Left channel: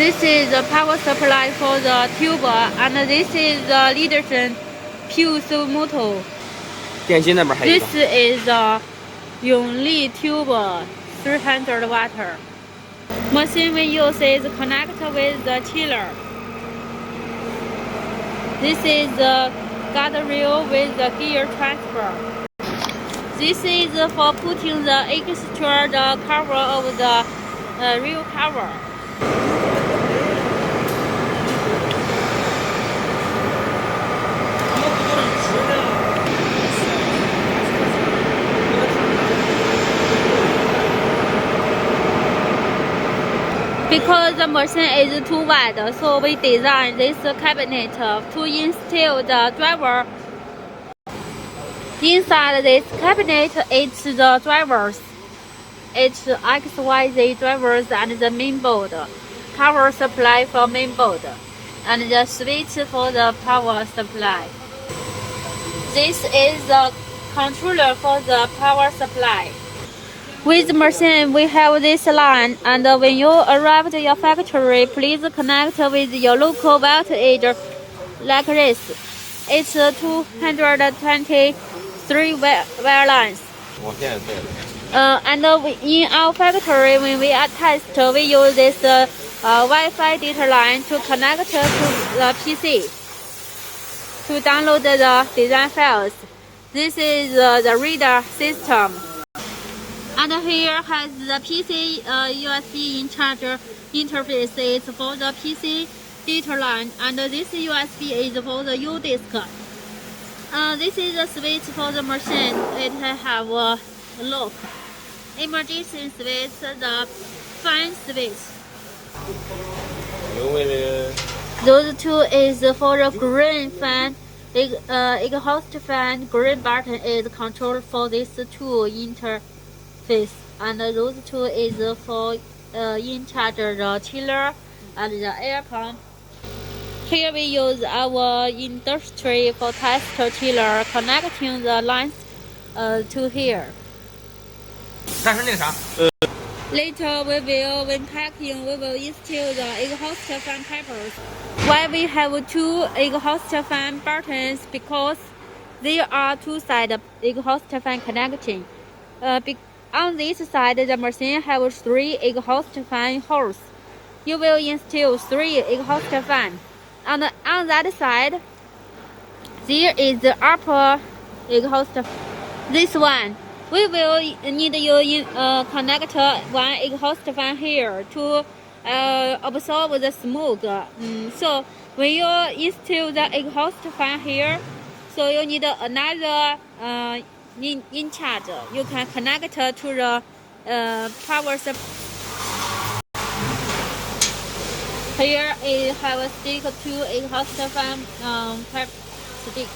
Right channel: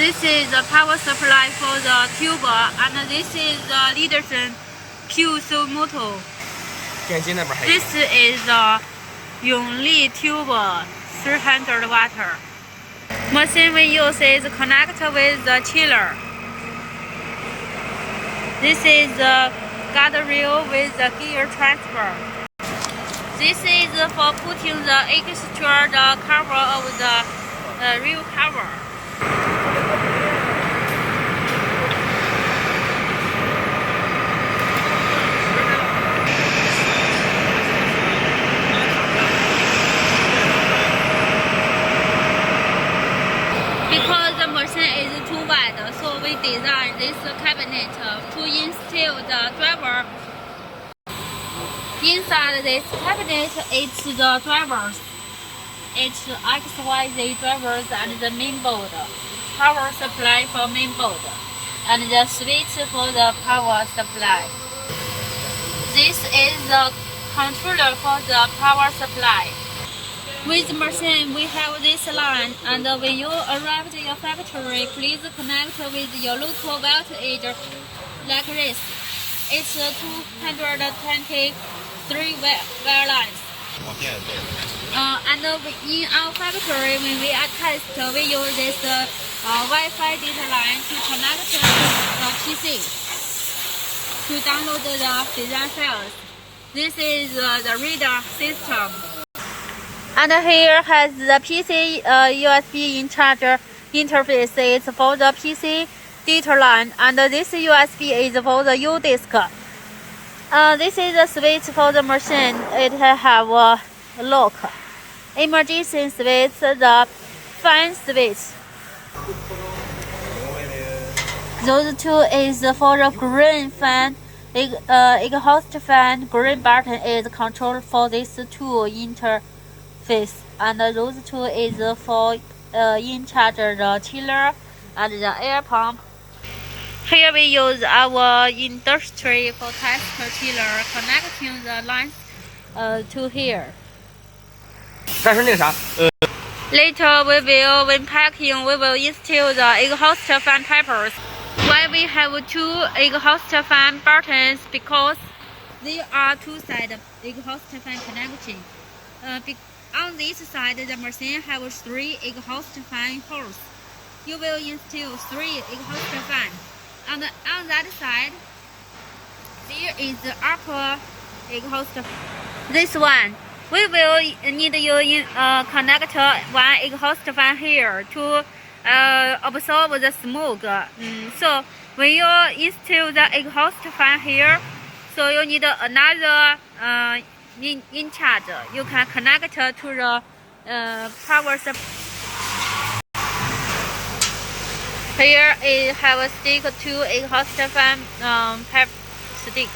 This is the power supply for the tube, and this is the Leaderson Pulse motor. 电机那边还有一 This 个。 is the 永利 tube 300 watt. Machine we use is connect with the chiller. This is the guardrail with the gear transfer. This is for putting the extra cover of the rear cover. Because the machine is too wide, so we designed this cabinet to install the driver. Inside this cabinet is the drivers. It's XYZ drivers and the main board, power supply for main board, and the switch for the power supply. This is the controller for the power supply. With the machine, we have this line, and when you arrive at your factory, please connect with your local voltage like this. It's 223 wire lines. And in our factory, when we are test, we use this Wi-Fi data line to connect to the PC to download the design files. This is the reader system. And here has the PC USB in charger interface. It's for the PC data line, and this USB is for the U-disk. This is the switch for the machine. It have a lock. Emergency switch, the fan switch. Those two is for the green fan. Exhaust fan. Green button is control for this two interface, and those two is for in charge the chiller and the air pump. Here we use our industry for test chiller, connecting the lines to here. 但是那个啥， Later we will, when packing, we will install the exhaust fan tapers. Why we have two exhaust fan buttons? Because there are two-side exhaust fan connection. On this side, the machine has three exhaust fan holes. You will install three exhaust fans. On that side, there is the upper exhaust. This one, we will need you connect one exhaust fan here to absorb the smoke. So when you install the exhaust fan here, so you need another in charge. You can connect to the power supply. Here it have a stick to exhaust fan pipe stick.